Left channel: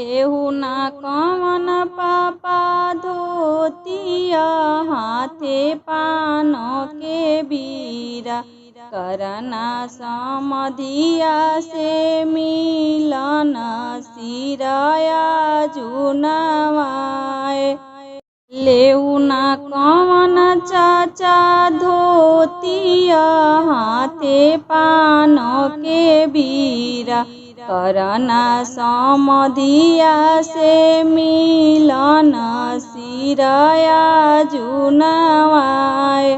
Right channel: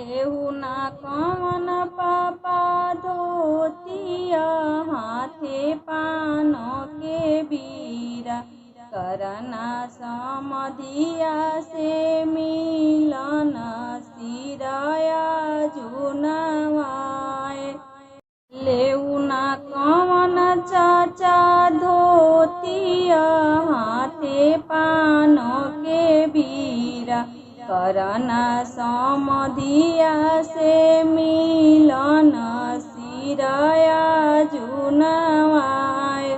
लेहु ना कवन पापा धोतिया हाथे पान के बीरा करना समधिया से मिलन सिराया जुनवाए। लेहु ना कवन चाचा धोतिया हाथे पान के बीरा करना समधिया से मिलन सिराया जुनवाए।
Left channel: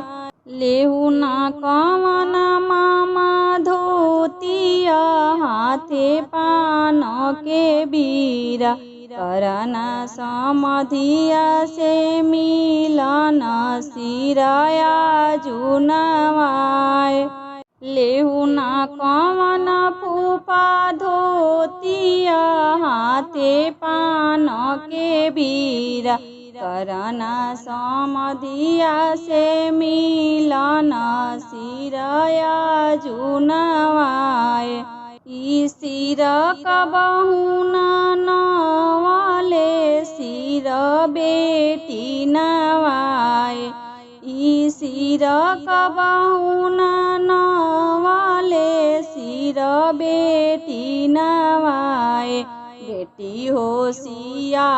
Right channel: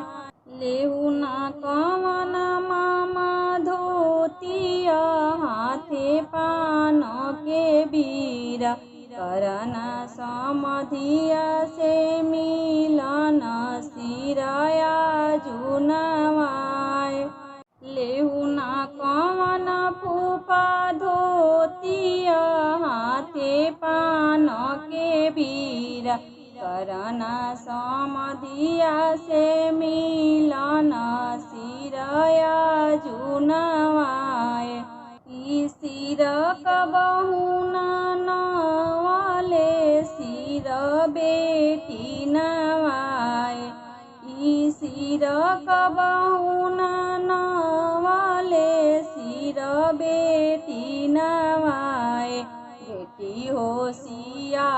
लेहु ना कवन मामा धोतिया हाथे पान के बीरा करना समधिया से मिलन सिराया जुनवाए। लेहु ना कवन फूफा धोतिया हाथे पान के बीरा करना समधिया से मिलन सिराया जुनवाए। ई सिर कबहु नवाले सिर बेटी नवाए। ई सिर कबहु नवाले सिर बेटी नवाए। बेटी होशिया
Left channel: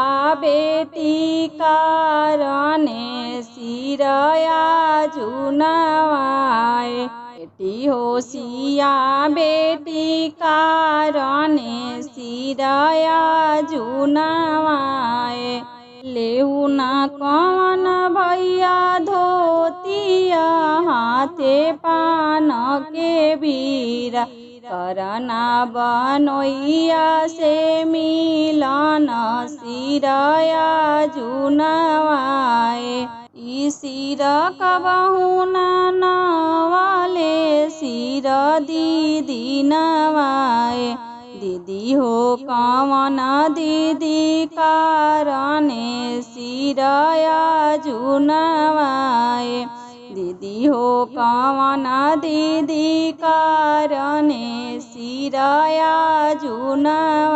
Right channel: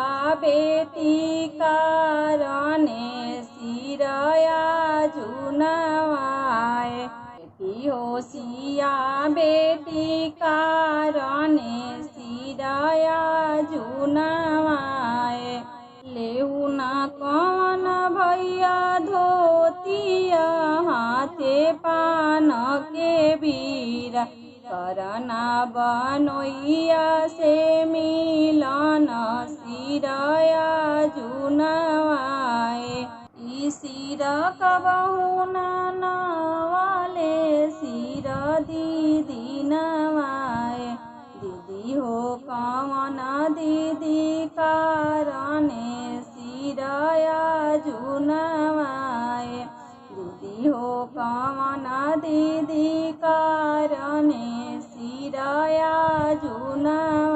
बेटी कारणे सिराया जुनवाए। बेटी होशिया बेटी कारणे सिराया जुनवाए। लेहु ना कवन भैया धोतिया हाथे पान के बीरा करना बनोइया से मिलन सिराया जुनवाए। ई सिर कबहु नवाले सिर दीदी नवाए। दीदी हो कवन दीदी कारणे सिराया जुनवाए। दीदी हो कवन दीदी कारणे सिराया जुनवाए।